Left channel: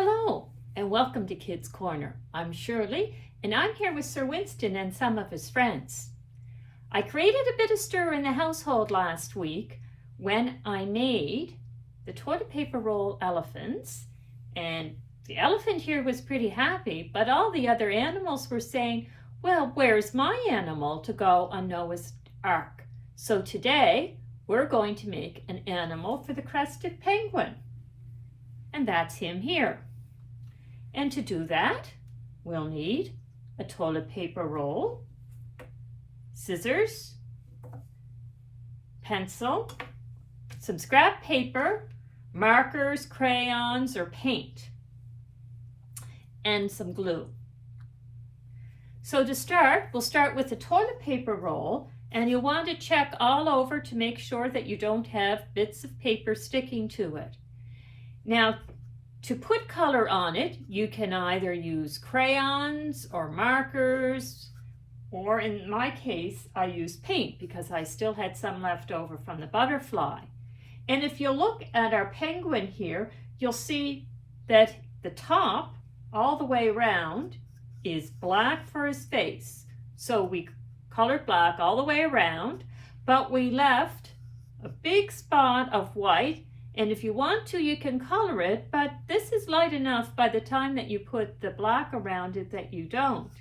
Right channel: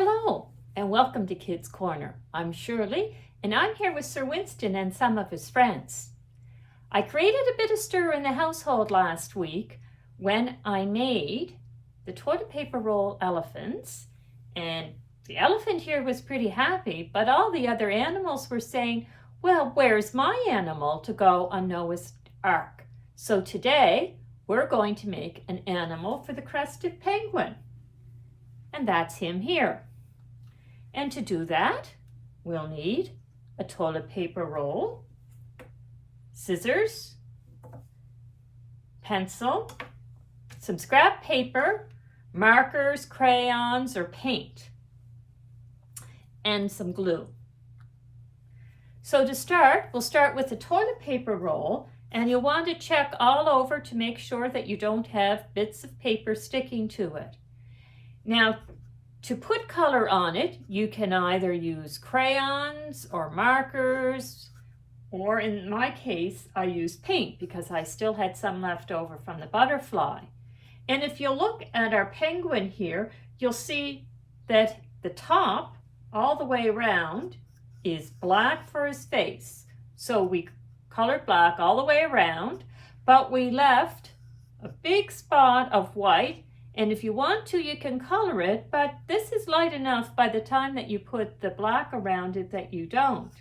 Hello, and welcome to Kids Corner. I'm Shirley, and I'm here with Sir Winston and some of his friends. I created a bit of stir in the household last week when I made the toilet paper roll elephants, and the elephant here was pretty happy, but all the other animals were saying, well, where's my animal to go on Noah's Ark? So today, we're going to make an animal for the crested penguin. And that's him here. And to do that, we'll need a toilet paper roll, scissors, pencil, some scrap paper, markers, crayons, or paint, and some glue. So to start, we'll start with the toilet paper roll, and you'll want to check all over to make sure that you don't have bits of paper sticking to it. Now, to put color on it, you can either use crayons or markers, or in my case, I use paint because I still had some left over from the butterfly. And if you look at our penguin here, you'll see that the top, all the way around, is black for his face. So we colored black all the way around, but we left a big spot of white. And if you want to, you can color it, but this is light enough by the time that you put the black around it that you don't.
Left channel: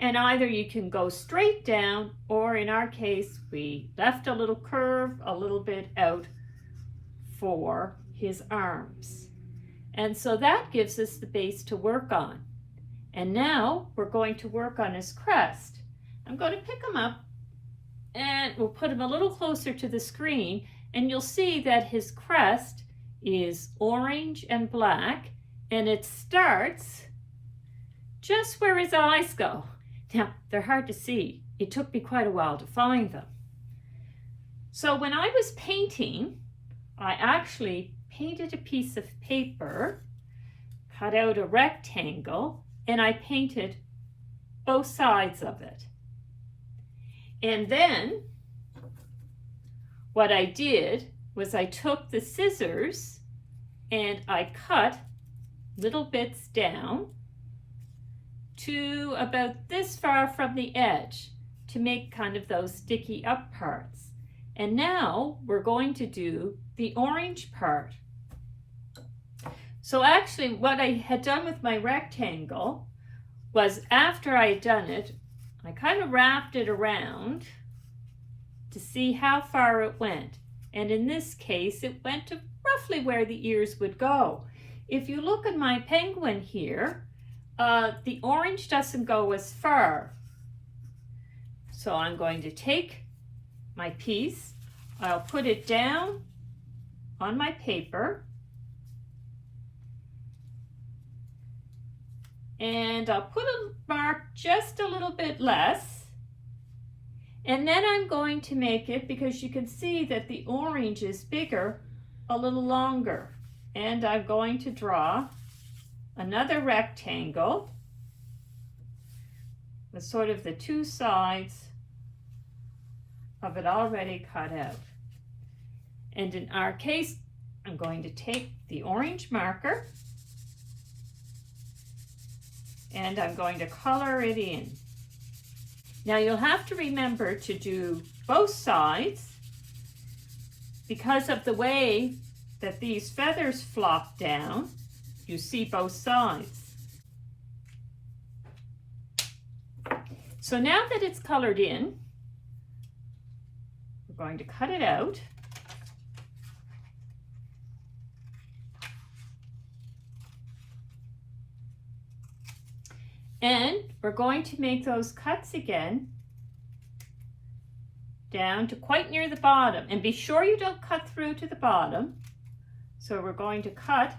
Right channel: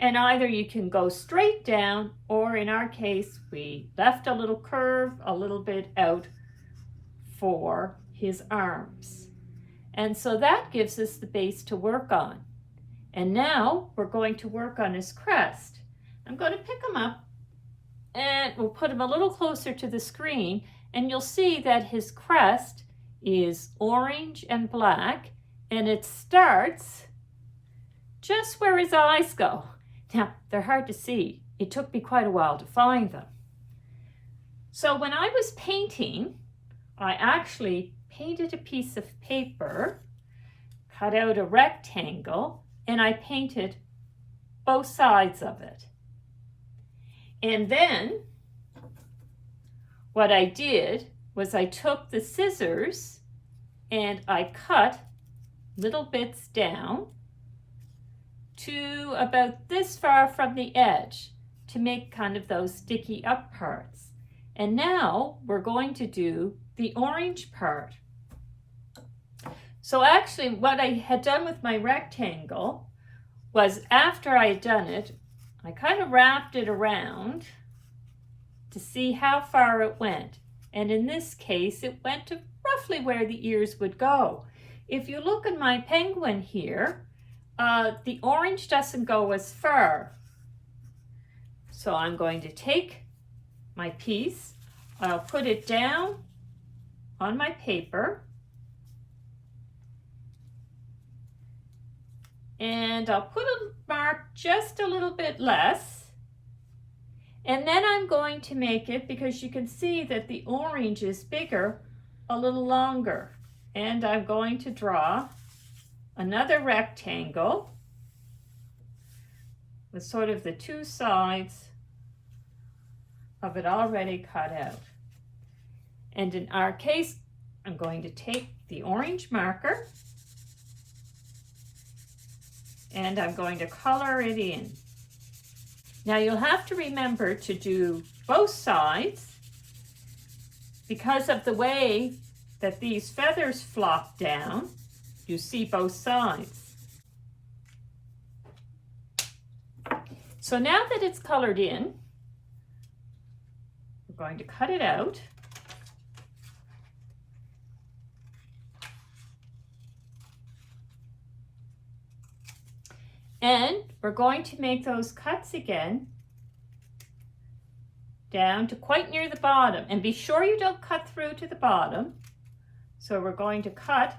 And either you can go straight down, or in our case, we left a little curve a little bit out for his arms. And so that gives us the base to work on. And now we're going to work on his crest. I'm going to pick him up and we'll put him a little closer to the screen. And you'll see that his crest is orange and black, and it starts just where his eyes go. Now, they're hard to see. It took me quite a while to find them. So when I was painting, I actually painted a piece of paper, cut out a rectangle, and I painted both sides of it. And then what I did was I took the scissors and I cut little bits down to about this far from the edge to make kind of those sticky up parts. And now we're going to do the orange part. So actually what I had done with my rectangle was after I had done it, I kind of wrapped it around to see how far it went. And in this case, it went to roughly where the ears would go. If you look at my penguin here, the orange doesn't go as far. So I'm going to take my piece, I'll put it down on my paper, and I'll put a mark just a little bit less. And then I'm going to make it, because you can see that the orange is bigger, a little longer. And I'm going to draw another rectangle with sort of the two sides of it already cut out. And in our case, I'm going to take the orange marker and I'm going to color it in. Now you'll have to remember to do both sides because of the way that these feathers flop down. You see both sides. So now that it's colored in, we're going to cut it out. And we're going to make those cuts again down to quite near the bottom. And be sure you don't cut through to the bottom. So we're going to cut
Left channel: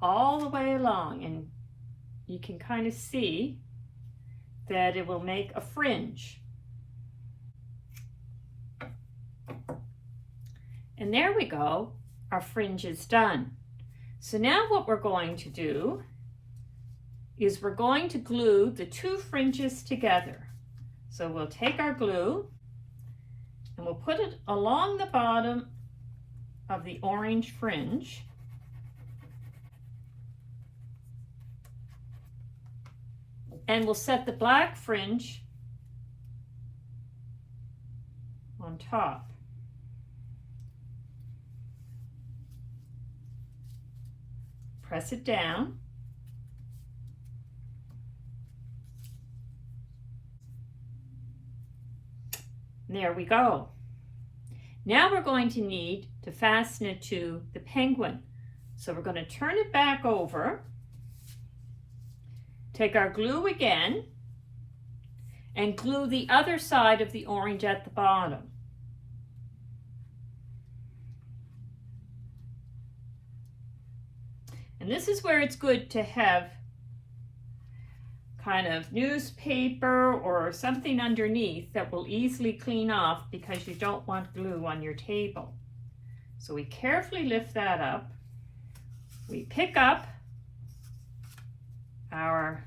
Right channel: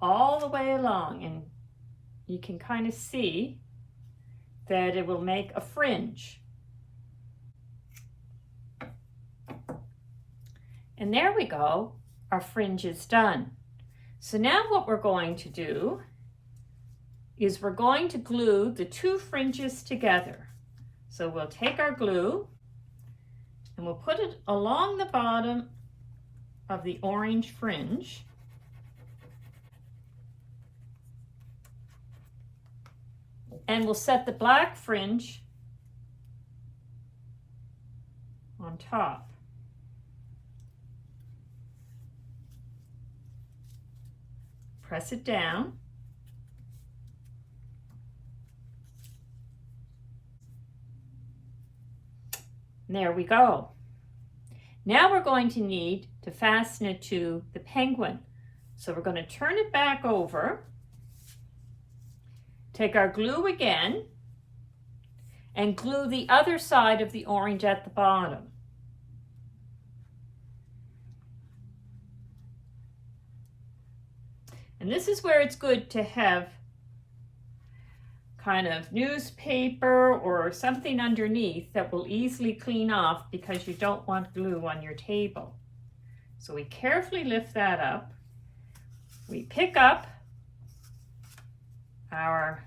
all the way along. And you can kind of see that it will make a fringe. And there we go. Our fringe is done. So now what we're going to do is we're going to glue the two fringes together. So we'll take our glue and we'll put it along the bottom of the orange fringe. And we'll set the black fringe on top. Press it down. There we go. Now we're going to need to fasten it to the penguin. So we're going to turn it back over, take our glue again, and glue the other side of the orange at the bottom. And this is where it's good to have kind of newspaper or something underneath that will easily clean off because you don't want glue on your table. So we carefully lift that up. We pick up our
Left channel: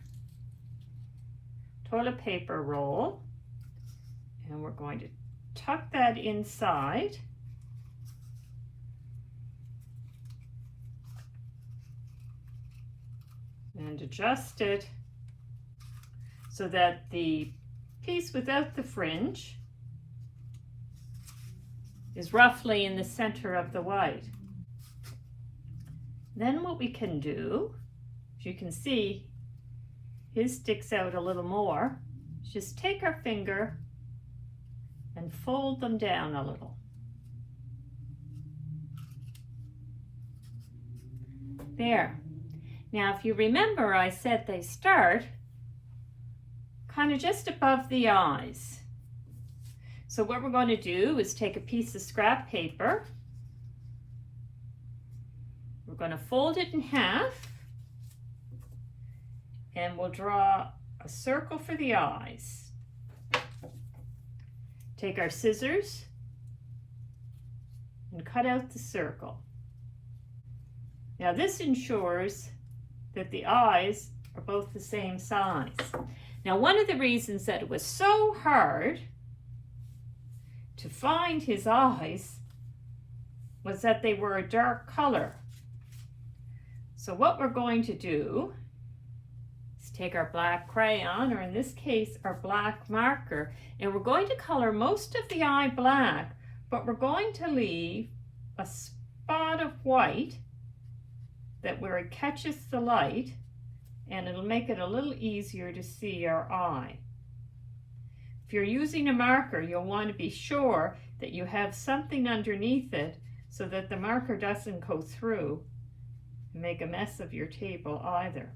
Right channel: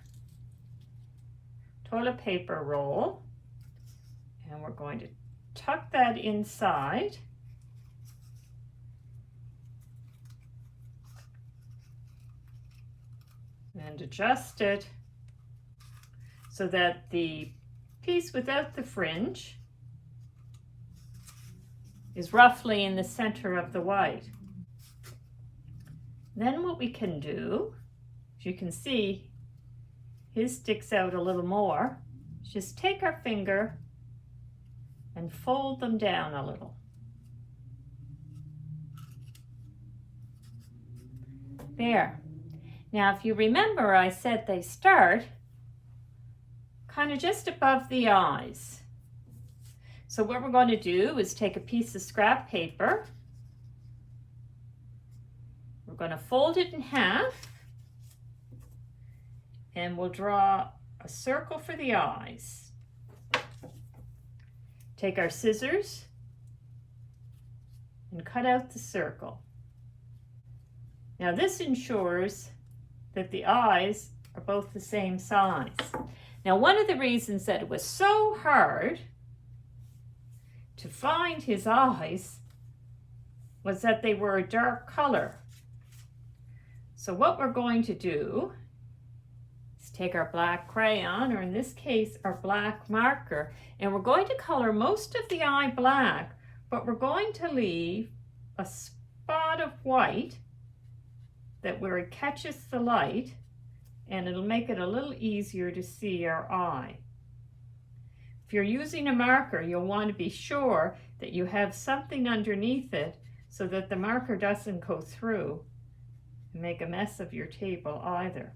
toilet paper roll and we're going to tuck that inside. And adjust it so that the piece without the fringe is roughly in the center of the white. Then what we can do, as you can see, his sticks out a little more, just take our finger and fold them down a little. There. Now, if you remember, I said they start kind of just above the eyes. So what we're going to do is take a piece of scrap paper. We're going to fold it in half and we'll draw a circle for the eyes. Take our scissors and cut out the circle. Now this ensures that the eyes are both the same size. Now, one of the reasons that it was so hard to find his eyes was that they were a dark color. So what we're going to do is take our black crayon, or in this case, our black marker, and we're going to color most of the eye black, but we're going to leave a spot of white that where it catches the light, and it'll make it a little easier to see our eye. If you're using a marker, you'll want to be sure that you have something underneath it so that the marker doesn't go through and make a mess of your table either.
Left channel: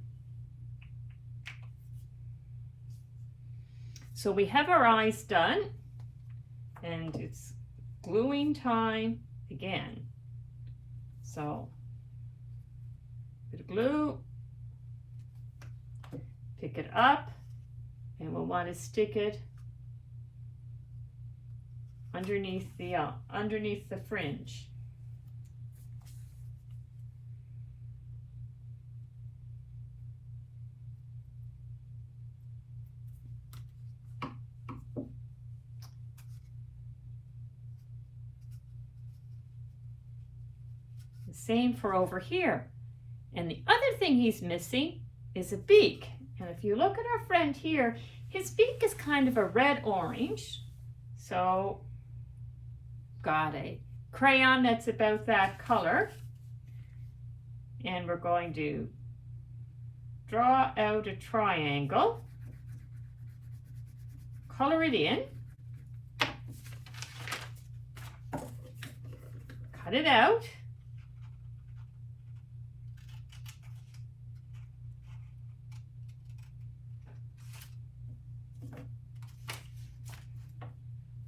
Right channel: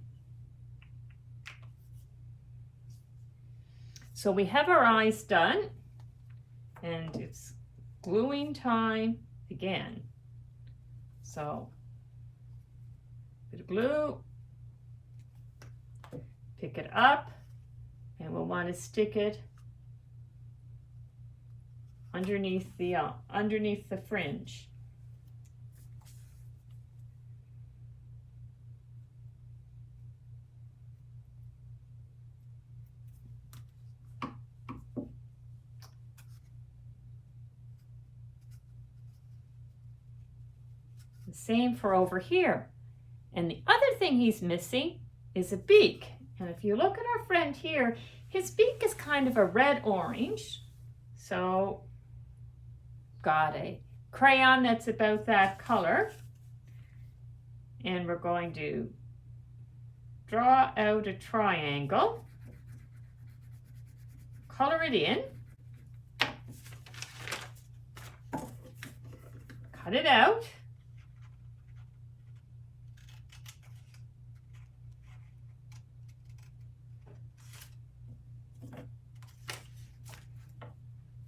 So we have our eyes done, and it's gluing time again. So, bit of glue, pick it up, and we'll want to stick it underneath the fringe. The same for over here. And the other thing he's missing is a beak. And if you look at our friend here, his beak is kind of a red-orange. So, got a crayon that's about that color. And we're going to draw out a triangle, color it in, cut it out.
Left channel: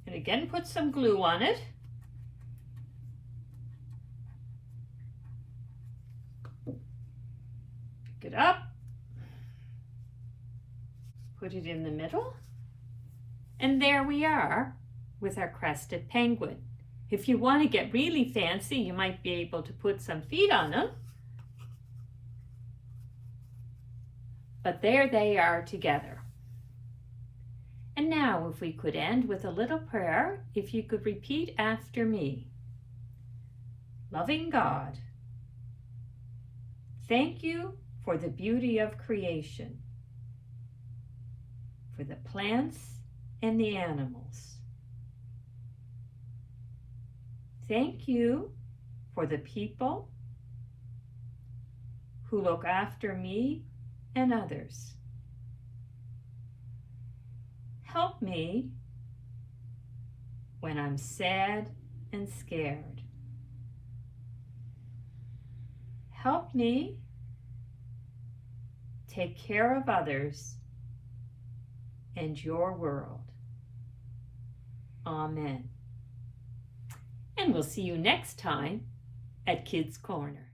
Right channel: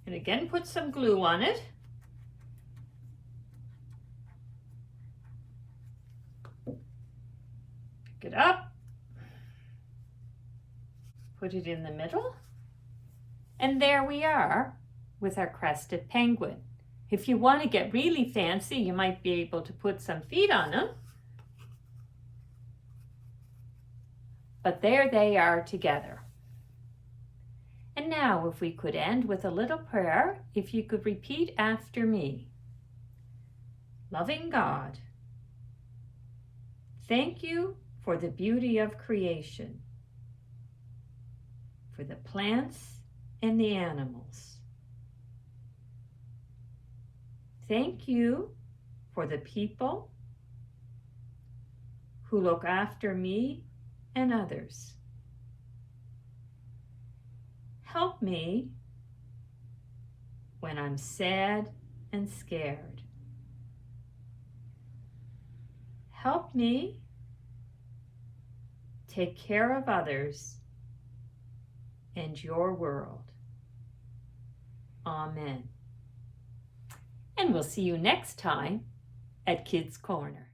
And again, put some glue on it. Pick it up, put it in the middle, and there we are with our crested penguin. If you want to get really fancy, you might be able to put some feet on them. But there they are together. And now, if we could end with a little prayer, if you could repeat after me. Loving God, thank you for the beauty of creation. for the plants and the animals. Thank you for the people who look after me and others. Help me when I'm sad and scared. Help me take care of others and your world. Amen. And we'll see you next time at Kids Corner.